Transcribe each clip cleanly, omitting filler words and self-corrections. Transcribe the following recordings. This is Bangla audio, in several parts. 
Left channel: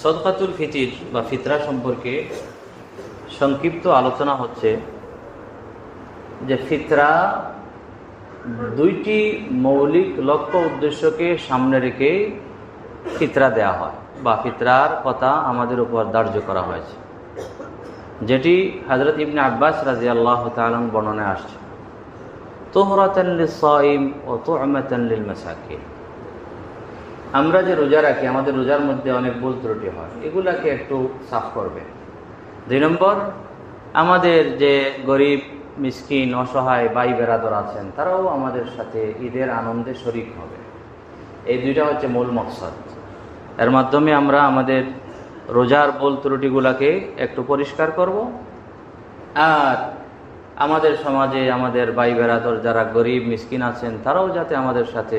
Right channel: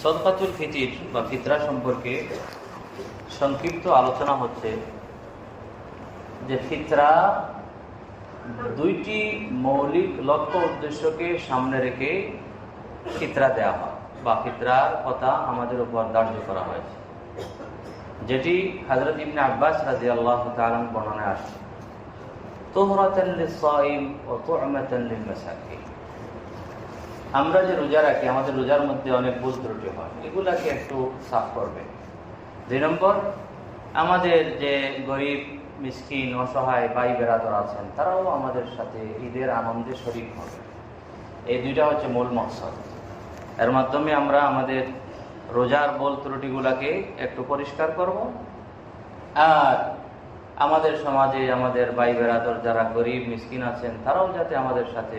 সদকাতুল ফিতির বা ফিতরা সম্পর্কে সংক্ষিপ্ত আলোচনা হচ্ছে যে ফিতরা দুইটি মৌলিক লক্ষ্য উদ্দেশ্যকে সামনে রেখে ফিতরা দেয়া হয় বা ফিতরার কথা আমাদের উপর ধার্য করা হয়েছে, যেটি হযরত ইবনে আব্বাস রাদিয়াল্লাহু তাআলা বর্ণনায় আসছে। তুহরাতান লিস-সাইম ওয়া তু'মাতান লিল-মাসাকিন। আমরা যে রোজা রাখি, আমাদের রোজার মধ্যে অনেক ভুল ত্রুটি হয়, এগুলাকে একটু সাফ করবে। 2 নম্বর, আমাদের যে গরিব মিসকিন অসহায় ভাই বেরাদর আছেন, তারাও আমাদের সাথে ঈদের আনন্দে শরীক হবে। এই দুইটা হচ্ছে মূল মকসদ। এর মাধ্যমে আমরা আমাদের রোজার ভুল ত্রুটিগুলাকে একটু পরিষ্কার করব, আর আমাদের সমাজে আমাদের ভাই বেরাদর যারা গরিব মিসকিন আছেন, তারাও যাতে আমাদের সাথে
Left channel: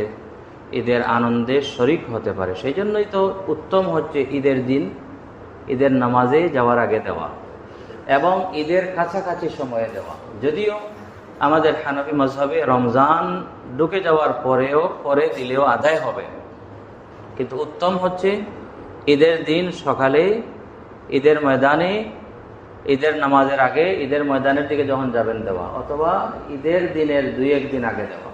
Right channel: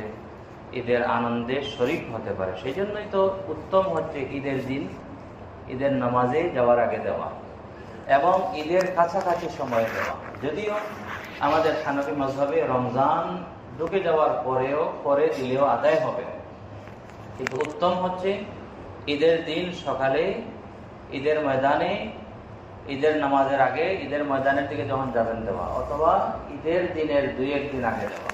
ঈদের আনন্দে শরীক হতে পারে। সেই জন্যই তো উত্তম হচ্ছে ঈদের দিন ঈদের নামাজে যাওয়ার আগে দেওয়া এবং ঈদের কাছাকাছি সময়ে দেওয়া। যদিও আমাদের হানাফি মাযহাবে রমজান ঢুকে যাওয়ার পরে দিলেও আদায় হবে, কিন্তু উত্তম হচ্ছে ঈদের দিন সকালে ঈদের ময়দানে ঈদের নামাজের আগে ঈদের ময়দানের দিকে যখন যাবেন দেওয়া, অথবা ঈদের দিনের 2-1 দিন আগে দেওয়া,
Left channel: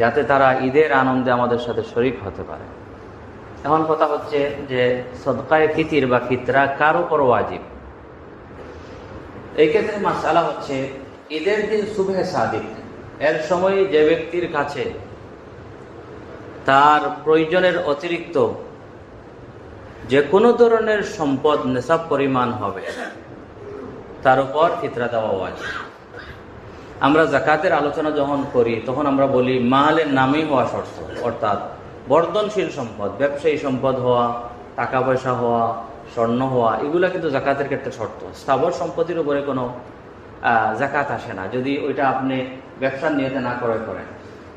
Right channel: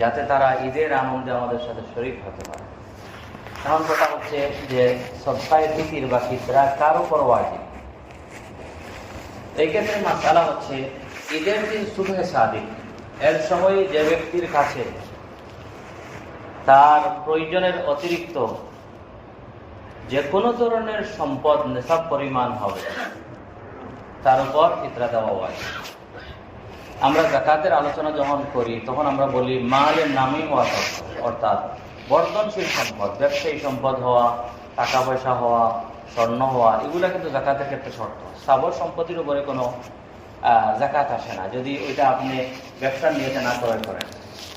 যাতে তারা ঈদের আনন্দে আমাদের সাথে শরীক হতে পারে। এখন কথা হচ্ছে যে সদকায়ে ফিতির বা ফিতরা কার উপর ওয়াজিব। এই ক্ষেত্রে মাসআলা হচ্ছে ঈদের দিন সুবহে সাদিক, এর সময় যে ব্যক্তির কাছে তার প্রয়োজনের অতিরিক্ত যে কোনো ধরনের সম্পদ নেশাব পরিমাণ হবে, তার উপর ফিতরা দেওয়া ওয়াজিব। আমরা যাকাতের আলোচনা যখন করি তখন আমরা বলি মালের নামেই হওয়া শর্ত, অর্থাৎ বর্ধনশীল সম্পদ, ব্যবসায়ী সম্পদ হওয়া, টাকা পয়সা হওয়া, স্বর্ণ হওয়া, এগুলো কিন্তু যাকাতের ক্ষেত্রে শর্ত। স্থাবর সম্পত্তির উপরে কোনো যাকাত আসে না যদি ওইটা আপনি ব্যবসার নিয়তে না ক্রয় করেন।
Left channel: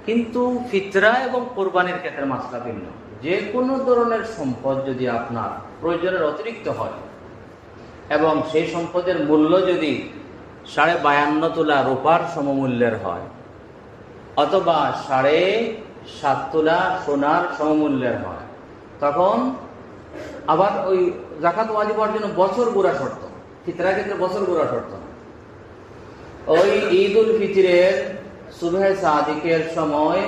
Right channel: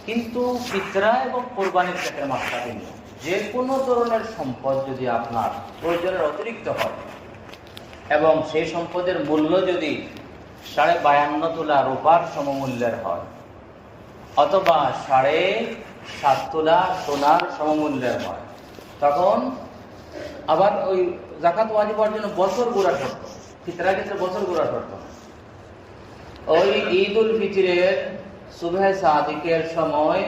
কিন্তু ফিতরা এবং কোরবানির ক্ষেত্রে মাত্রা ভিন্ন। যে কোনো ধরনের সম্পদ যদি আপনার প্রয়োজনের অতিরিক্ত হয় এবং সেই সম্পদের মূল্য যদি 52.5 তোলা রূপার সমমূল্যের হয়, অথবা 7.5 তোলা সোনার সমমূল্যের হয়, তখন আবার ওই যাকাত ওয়াজিব হওয়ার জন্য বছর গুড়া শর্ত। ফিতরার ক্ষেত্রে বছর গুড়া শর্ত। ওই ঈদ উল ফিতরের সুবহে সাদিকের সময়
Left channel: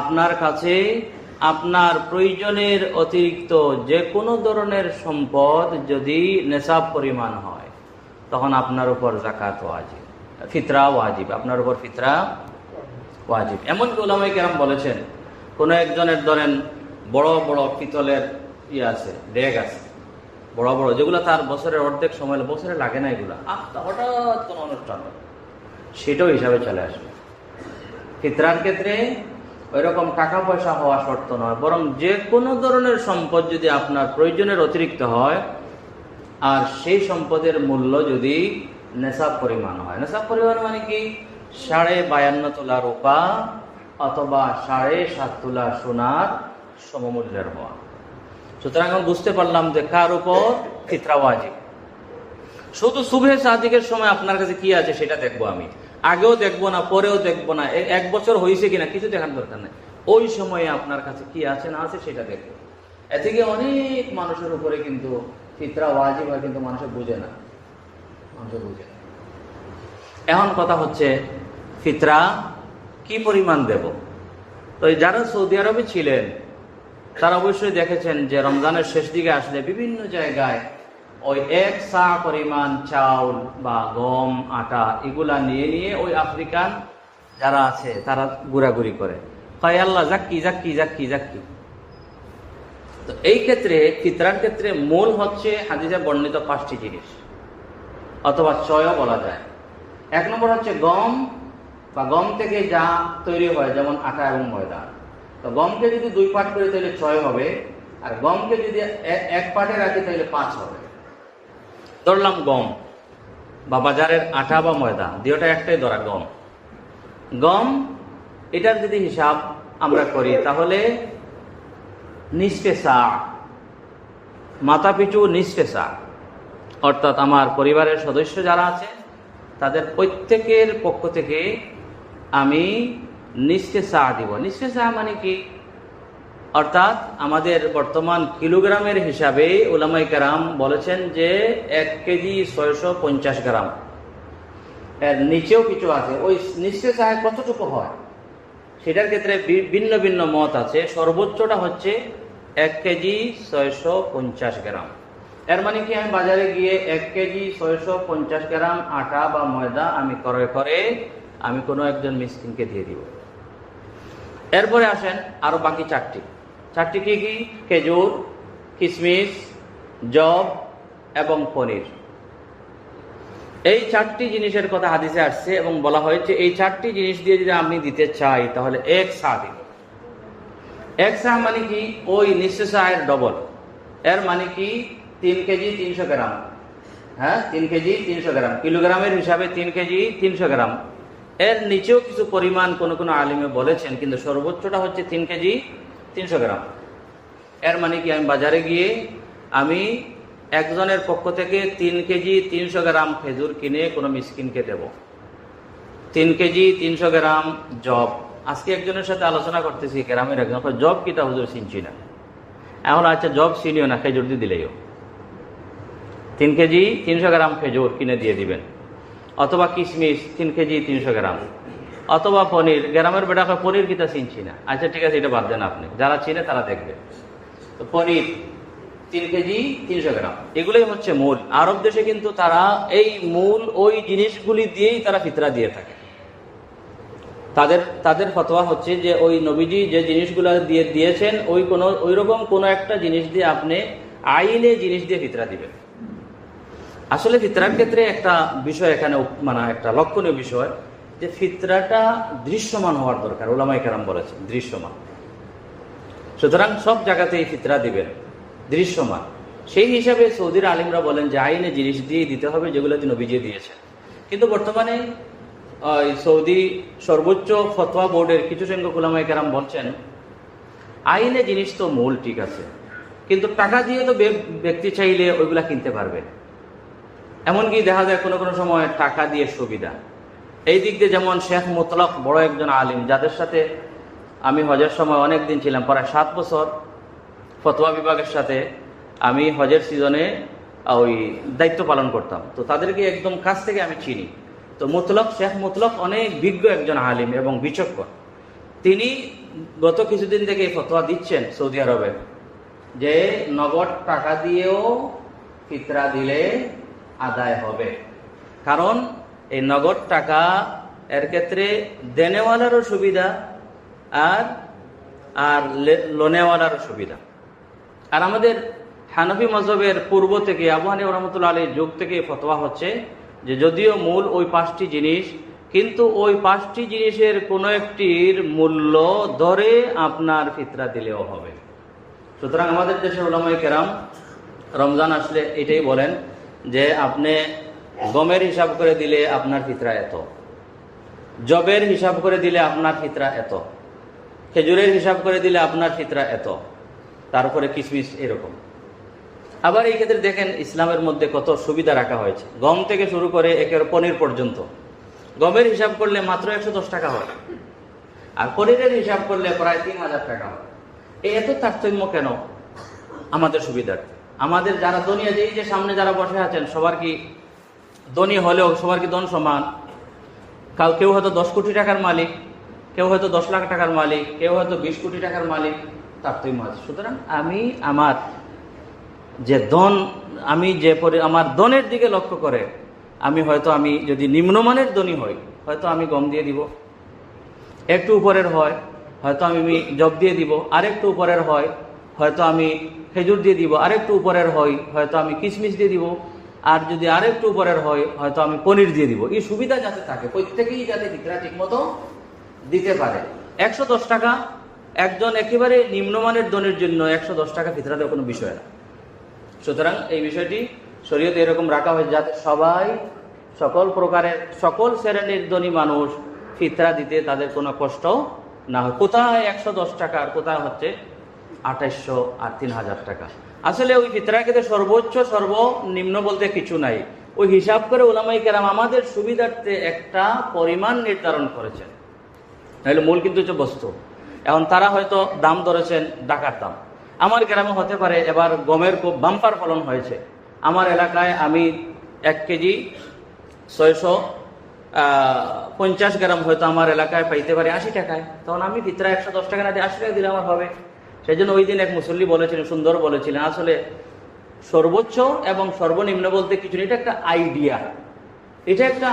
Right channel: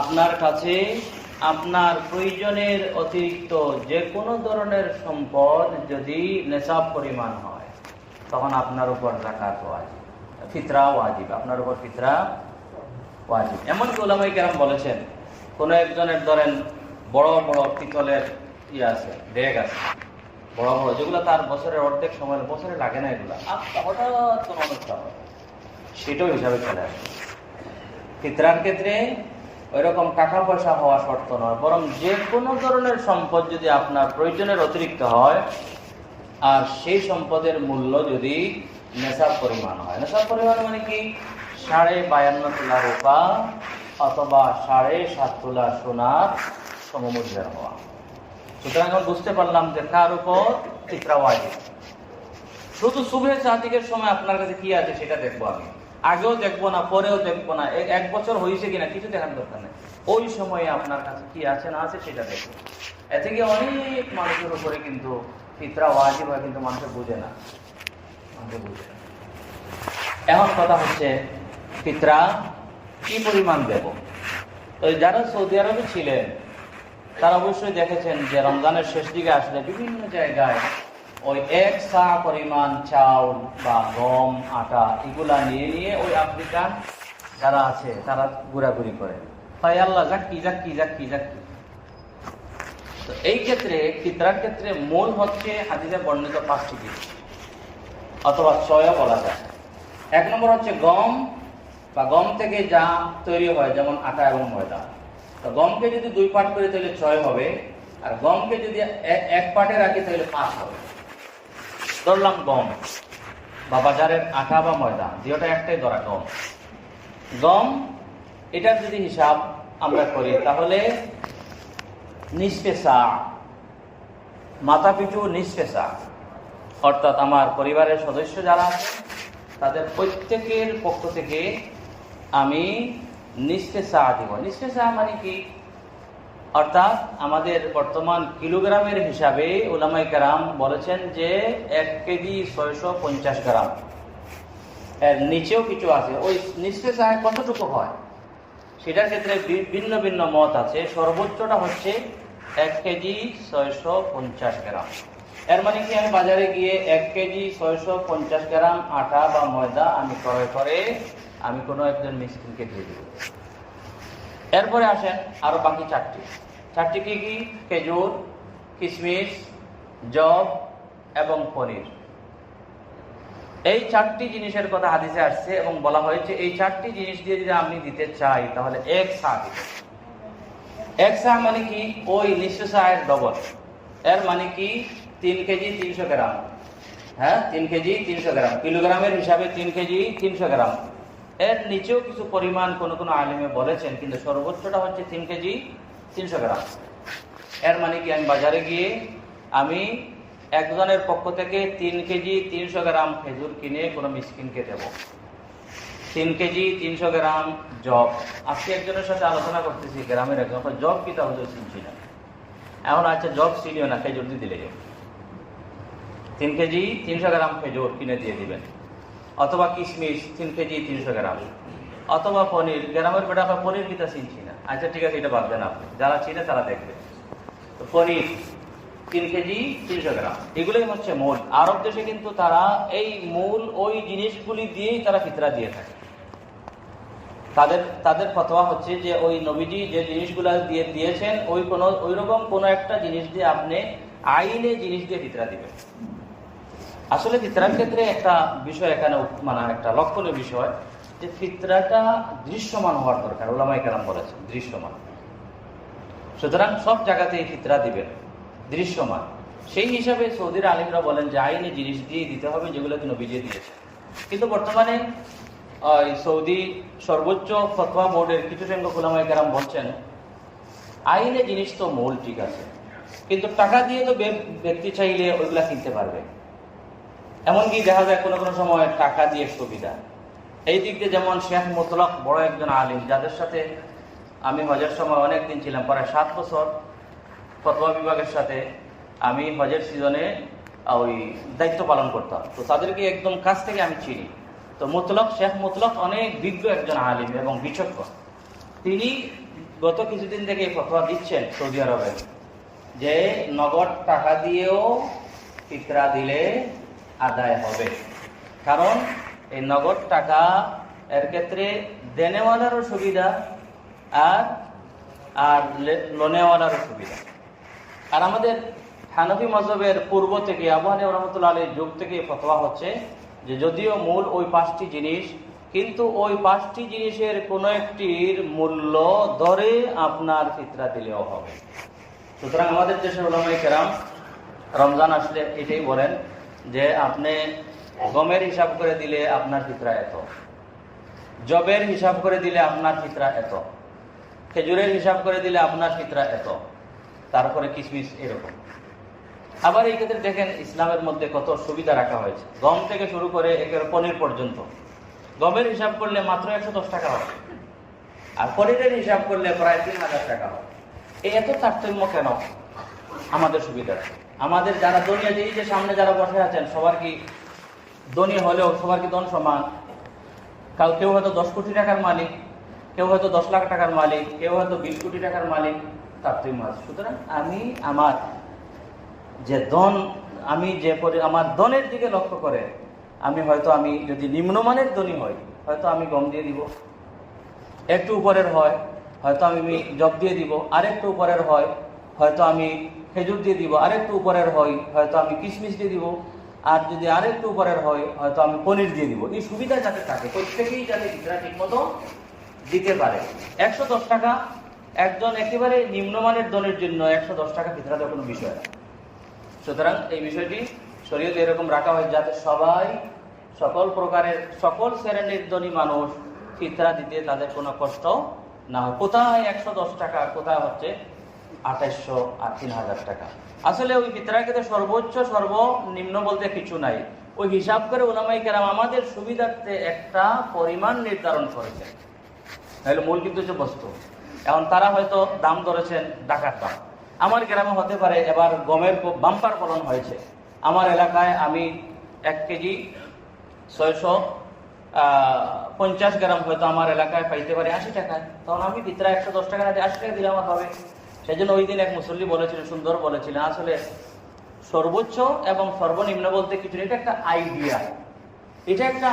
আপনার কাছে আপনার প্রয়োজনের অতিরিক্ত যে কোনো ধরনের সম্পদ যদি নেশাব পরিমাণ হয়, তখন আপনার উপর যাকাত ওয়াজিব, ফিতরা ওয়াজিব, আপনার উপর ফিতরা ওয়াজিব। এমনকি উলামায়ে কেরাম বলেছেন, কোনো একজনের ধরেন বড় বড় পিতলের আছে, ডেগ আছে বড় বড়, যেগুলো তার বছরের অর্ধেক সময় বছরে লাগে না, এগুলো হঠাৎ কোনো অনুষ্ঠান, সেটাও হিসাবে চলে আসে। ফিতরার ক্ষেত্রে ওইরকম টাকা পয়সা হওয়া শর্ত নয়, বরং যে কোনো ধরনের সম্পদ যদি আপনার প্রয়োজনের অতিরিক্ত হয় আর সেই সম্পদের মূল্য যদি নেশাব পরিমাণ হয়। নেশাব পরিমাণ মানে কি? 52.5 তোলা রূপা অথবা 7.5 তোলা সোনার সমমূল্যের হওয়া। সুতরাং বুঝতে পারলাম যে কার উপর ফিতরা ওয়াজিব। শুধু সুবহে সাদিকের সময় আপনার কাছে কি আছে সেটা দেখবো আমি, আগেও দেখবো না, পরেও দেখবো না, 1 বছর হয়েছে কিনা কিছু দেখার দরকার নেই। ওই সময়ে আপনার কাছে কি আছে না আছে সেটা দেখবো। এ থেকে অনেক মানুষের উপরে কিন্তু ফিতরা ওয়াজিব হয়, কিন্তু মানুষ বুঝে না। এখন কথা হচ্ছে ফিতরা কি পরিমাণ দেব। তো যারা সৌদি আরবে ছিলেন তারা অবশ্যই দেখেছেন যে রমজানের শেষ দিকে আসলে বিভিন্ন জায়গায় ওই 1 সা পরিমাণ চাউল বা গম, আটা এগুলা নিয়ে ওই আফ্রিকান যারা আছে তারা ঘোরাঘুরি করে, তাই আল্লাহ জাক্কি জাক্কি জাক্কি জাক্কি। তো এই ক্ষেত্রে ফিতরার ক্ষেত্রে মূল হচ্ছে হাদিসে বর্ণিত 5টি জিনিস, অথবা 6ও বলা যায়। 1 নম্বর হচ্ছে গম বা গম থেকে যা তৈরি হয়, যেমন আটা এবং ময়দা। তো গমকে যদি 2 পার্ট করে তাহলে 6 হবে, আর গমকে যদি 1 পার্টে রাখি তাহলে 5 হবে। ধরলাম গম বা বাজারের আটা বা ময়দা, দুটোটা একটাই ধরা, গম এটার যদি হিসাব আমরা করি তাহলে নিসফে সা, মাথা পিছু নিসফে সা, অর্থাৎ আমার পরিবারের সদস্য যারা আছে তাদের প্রত্যেকের পক্ষ থেকে আমি নিসফে সা দিব। নিসফে সা মানে কি? অর্থাৎ আমাদের বর্তমান কিলোগ্রামের হিসাবে উলামায়ে কেরাম বলেছেন যে 1 কেজি 650 গ্রাম। এর নিচেও কিছু আছে, ওই নিচে চায় কতটুকু হয় সেটার ক্ষেত্রে ভিন্ন ভিন্ন মত আছে। সর্বোচ্চটা হচ্ছে 1 কেজি 650 গ্রাম। এর মানে কি আমি বাজারে গিয়ে 1 কেজি 650 গ্রাম আটা বা ময়দা আমি ক্রয় করে আমি কোনো একজন মিসকিনকে দিয়ে দিব। এরপরে আসেন আরো বাকি চারটি কি কি? খেজুর, কিশমিশ, জব এবং পনির। এই 4টি জিনিসের কথা হাদিসে আসছে এবং বলা হয়েছে এই 4টি জিনিস দিয়ে যদি আমি দিতে চাই তাহলে 1 সা দিবে। 1 সা মানে কি? ওই নিঃস্ব সায়ের ডবল। এর মানে কি 3 কেজি 300 গ্রাম। হ্যাঁ, 3 কেজি 300 গ্রাম, কিলোগ্রামের হিসাবে 3 কেজি 300 গ্রাম। এর নিচেও কিছু পরিমাণ কোন কোন আলিমে বলেছেন, কিন্তু সর্বোচ্চটা হচ্ছে 3 কেজি 300 গ্রাম। এর মানে কি আমি বাজারে গিয়ে আমি একজনের পক্ষ থেকে 3 কেজি 300 গ্রাম খেজুর কিনে কোনো মিসকিনকে দেব। 3 কেজি 300 গ্রাম জব। আজকে একজনের সাথে আলোচনা করতেছি, গ্রামের একজন, জব কিটা হুজুর চিনছি না। এখন আচ্ছা জব চিনিও না, খেজুর দিয়ে দিলেও 3 কেজি 300 গ্রাম খেজুর কিনে দিয়ে দিবেন। অথবা কিশমিশ 3 কেজি 300 গ্রাম। অথবা পনির, গ্রামের বেটা পনির কিটা চিনছি না। আচ্ছা ঠিক আছে, এটা বাদ দেন আপনি, যারা চিনে তারা দেখবে। তো পনির 3 কেজি 300 গ্রাম, এগুলোই হচ্ছে মূল। আরব দেশে কিন্তু তারা এই মূল ওই জিনিসগুলি দিয়েই তারা ফিতরা দিয়ে থাকে। তাদের ফতোয়া হচ্ছে যে ওই নবীজি যে জিনিসগুলো দিয়ে দিয়েছেন ওই রকম কোনো একটা জিনিস দিয়ে আপনি আইনে জিনিস দিয়ে ফিতরা দিবেন। আসলে ফিতরার ক্ষেত্রে একটা বিষয় এখানে মানে একটা লক্ষণীয় বিষয় যে ফিতরাটা দৃশ্যমান হওয়ার দরকার। উলামায়ে কেরাম বলেছেন দৃশ্যমান। সুতরাং সব জায়গাতেই ফিতরা দিবেন দৃশ্যমান। সেই হিসাবে সৌদির আলিমরা বলেন যে আইনে জিনিস দিয়ে দিতে হবে যেগুলো নবীজি দিয়েছেন। কিন্তু বর্তমানে সৌদি সর্বোচ্চ ফতোয়া বোর্ডের কিছু সংখ্যক উলামায়ে কেরাম বলছেন আইনে জিনিস তো মূল ঠিক আছে, কিন্তু টাকা দিয়ে তো ব্যক্তি চাইলে ওইগুলা কিনতে পারবে। এমনকি দেখা যায় কোনো কোনো সময় টাকা দিয়ে সুবিধা। এই দিক দিয়ে যেমন শেখ মুতলক বড় একজন আলিম, যাদের সাথে আমি হজের সময় অনেক দিন ছিলাম, প্রায় 7 বছর ফতোয়া বিভাগের সাথে আমি হজের সিজনে ওই দায়িত্ব পালন করতাম। তো তাদেরকে একদম কাছ থেকে আমি চিনি। তো শেখ মুতলক অনেক বিজ্ঞ একজন আলিম এবং বিচক্ষণ। তিনি গত কিছুদিন থেকে এই ফতোয়া দিচ্ছেন সৌদি আরবে যে নগদ টাকা দিয়েও ফিতরা দিলে আদায় হবে। কারণ এই নগদ টাকা এর ক্ষেত্রে দেনেওয়ালারও সুবিধা আর লোনেওয়ালারও সুবিধা। আর আমাদের হানফি মযহবের পূর্ব থেকে আবু হানিফা রাহমাতুল্লাহ আলাইহির যুগ থেকে ফতোয়া হচ্ছে যে যদিও মূল ওই 5টি জিনিস, কিন্তু ওই 5টি জিনিসের কোনো একটির মূল্য ধরে আপনার ফিতরা দিলেও হবে। সুতরাং আমাদের দেশের উলামায়ে কেরাম রমজান আসলে এটাই বলেন যে আপনি গমের হিসাব করে দিলে আপনার ফিতরা এত, জবের হিসাব করে দিলে আপনার ফিতরা এত, খেজুরের হিসাব করে দিলে আপনার ফিতরা এত, তারপরে কিশমিশ এরকম। আবার এই ক্ষেত্রে দেখেন ইসলামের মধ্যে কত সুবিধা রাখা হয়েছে। গম থেকে শুরু করে একের পনির পর্যন্ত গমের হিসাব করলে মাত্র 110 টাকা হয়, আর পনিরের হিসাব করলে প্রায় 3000 টাকা হয়। এই এত তারতম্য কেন? আমাদের সুবিধা। আমাদের যারা ধনী আছে, এই যে সামনে যারা বসে আছেন, সবার কি ধনী হলেও সবার কি ধন সমান? কেউ হয়তো 10 কোটি টাকার মালিক, কেউ হয়তো 10 লাখ টাকার মালিক, কেউ হয়তো 20 কোটি টাকার মালিক, তারতম্য আছে। সুতরাং আমি আমার যে ধন, আমার ধনের দিকে লক্ষ্য করে আমি যদি নিম্নমানের ধনী হই হয়তো আমি গম দিয়ে দিব, একটু উপরের হয় হয়তো আমি জব দিয়ে দিব, আরেকটু উপরের হয় হয়তো আমি খেজুর দিয়ে দিব, আরেকটু উপরের হয় হয়তো আমি কিশমিশ দিয়ে দিব, আর যদি আরেকটু উপরের হয় হয়তো আমি পনির দিয়ে দিব। এই সুবিধা যাতে থাকে, প্রত্যেকেই যাতে ফিতরা ঠিক মতো দিতে পারে। 110 টাকা একজন একেবারে নিম্নমানের ধনের জন্য 110 টাকা ফিতরা দেওয়ার কোনো বিষয় না। সুতরাং এই বিষয়টি শরীয়তে এরকম রাখা হয় যাতে সবাই সকল শ্রেণীর ধনী মানুষ ফিতরা দিতে তাদের কোনো কষ্ট না হয়। কোথায় 110 টাকা আর কোথায় হচ্ছে 2800 আর 3000 টাকা। আসলে ওই ফিতরার ক্ষেত্রে সর্বোচ্চ সর্বনিম্ন বলতে কিছু নাই। ওই হিসাব করে উলামায়ে কেরাম আমাদের সুবিধার্থে একটা পরিমাণ নির্ধারণ করেছে। তাহলে মূল কিন্তু হচ্ছে বস্তু। এখন তারা হয়তো দাম ধরেছেন ঢাকার দাম, আমার গ্রামে হতে পারে এবার গমের খুব বাম্পার ফলন হয়েছে, আমার এলাকায় আমি 1 কেজি 650 গ্রাম হয়তো আমার এলাকায় পাইতে পারি 80 টাকায়, তখন আমি ভিতরে 110 টাকা না দিয়ে 80 টাকা দিলে আমার হবে। সেই জন্য ওই দিন এক মুসল্লি বলেছিলেন, সুন্দর বলেছিলেন, আসলে সর্বোচ্চ এবং সর্বনিম্ন বলতে কিছু নেই, এটা একটা আইডিয়া, এটা একটা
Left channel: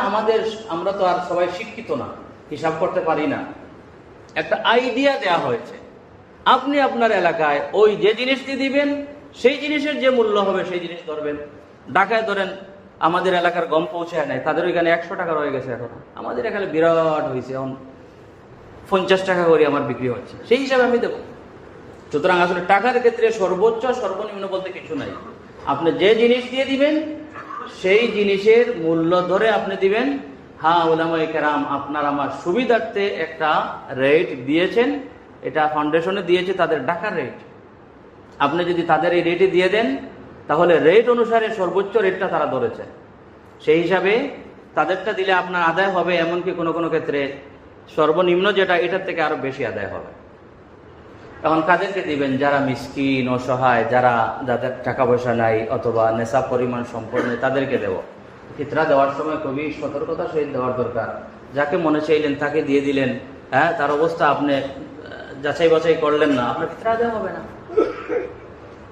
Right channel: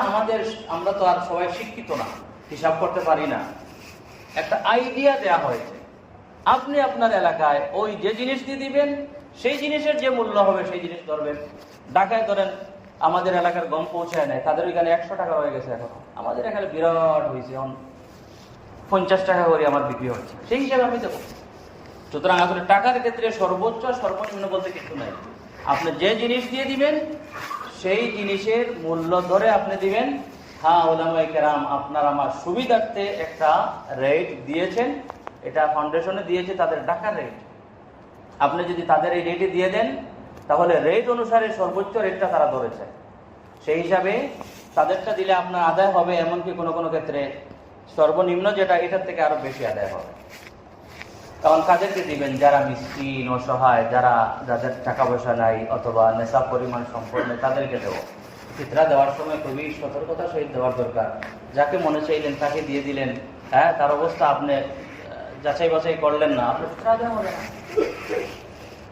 আমরা তো আর সবাই শিক্ষিত না, হিসাব করতে পারি না, একটা আইডিয়া দেয়া হয়েছে। আপনি আপনার এলাকায় ওই যে জিনিসটি দিবেন সেই জিনিসের যে মূল্য হবে সেই জিনিস ধরবেন। ঢাকায় ধরেন আমাদের এলাকার গম পৌঁছায় নাই, তাদের ওইখানে 100 টাকা রয়ে গেছে, এখন আমাদের এখানে বিরাট হয়েছে, এখন 50 টাকা করে আমার বিক্রি হচ্ছে, সেই হিসাবে আমি দেবো। সুতরাং আসলে টাকার ক্ষেত্রে সর্বোচ্চ সর্বনিম্ন বলতে কিছু নাই, আপনি যে জিনিস দিয়ে দিবেন সেই জিনিসের মূল্য ধরে আপনি দিবেন। হ্যাঁ, উলামায়ে কেরাম আপনার আমার সুবিধার্থে একটা রেট দিয়েছেন, এটা ফাউন্ডেশনে দিয়েছে তাদের ঢাকার রেট, আপনি যদি তাদের এই রেটে দিয়ে দেন তাহলে রেট অনুসারে সর্বোচ্চ রেটটা তারা ধরেছে, সেই হিসাবে তাদেরটা দিলে আপনার আদায় হবে, এমনকি কোনো কোনো ক্ষেত্রে সর্বনিম্ন যেটা এটার থেকে আরো বেশি আদায় হবে। তখন কাদেরকে দিবেন? যারা মিসকিন, অসহায়, যাদের টাকা পয়সা নাই অথবা নেশাব পরিমাণ সম্পন্ন, তাদেরকে দেব। ফিতরা দেওয়ার সময় খুবই সতর্কতার সহিত দেওয়ার দরকার। যাকে মনে চাইলেন তাকে দিয়ে দিলেন, হ্যাঁ, তার অবস্থা আপনি যাচাই বাছাই করলেন না, আপনার ফিতরা দেওয়া হবে না।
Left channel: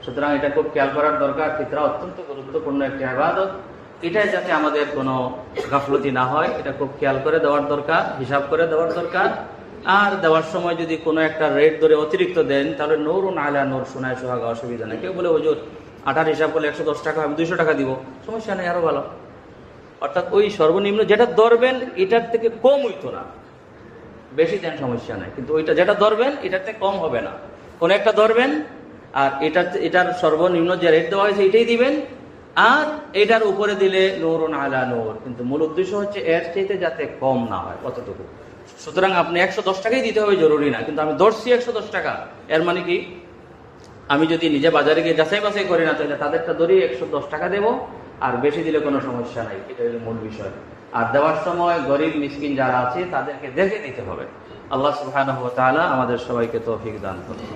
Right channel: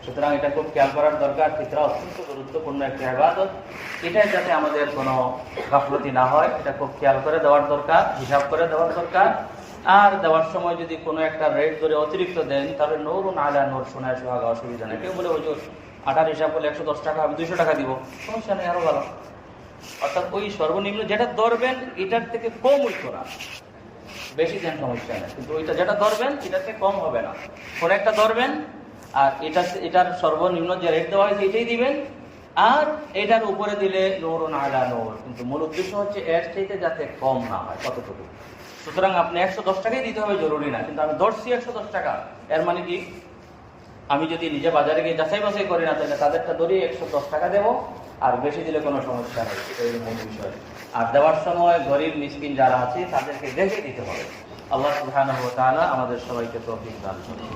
সুতরাং এটা খুব খেয়াল করার দরকার। ফিতরা অত্যন্ত গুরুত্বপূর্ণ একটা ইবাদত, এটাই যাতে আমাদের কোনো গাফলতি না হয়, এটা খুব খেয়াল করে দেওয়ার দরকার, হিসাব করে দেওয়ার দরকার। আর দেওয়ার সময় যদি কোনো একটা রেট ধরে অতিরিক্ত দেন তাহলে নূরুন আলা নূর, শোনায় সোহাগা, অসুবিধা নেই। কেউ বলে হুজুর আটার হিসাব করলে 110 টাকা, আমি 200 টাকা দিব, সমস্যা নেই, আরো ভালো। অর্থাৎ ওই সর্বনিম্ন যেটা ধরবেন এটার থেকে কম হইতো না, বেশি দেন সমস্যা নেই, কিন্তু ওইটা যেটা ধরবেন এটার থেকে কম হবে না। কোনো একটা ধরবেন আর এটার সর্বনিম্ন যে রেট দেওয়া হয়েছে এটাই দিবেন, আর এটার উপরে দিলে নূরুন আলা নূর, কিন্তু মূল উদ্দেশ্য হচ্ছে এর চাইতে যাতে কম না হয় কতটুকু। সুতরাং আপনি 110 টাকাই দিতে হবে জরুরি না, কিন্তু আমি ধরছি 110 টাকা, এর মানে কি আমি যদি নিজে বাজারে গিয়ে যাচাই বাছাই করি না তাহলে তাদেরটা ধরি 110 টাকা দেবো, আর বেশি দিলে কোনো সমস্যা নেই, এটা হলো মূল বিষয়। আর দেওয়ার সময় গরিব মিসকিন যারা আছে তাদেরকে দেখে দিতে হবে। আল্লাহ সুবহানাহু ওয়া তাআলা আমাদের সবাইকে তৌফিক দান করুন।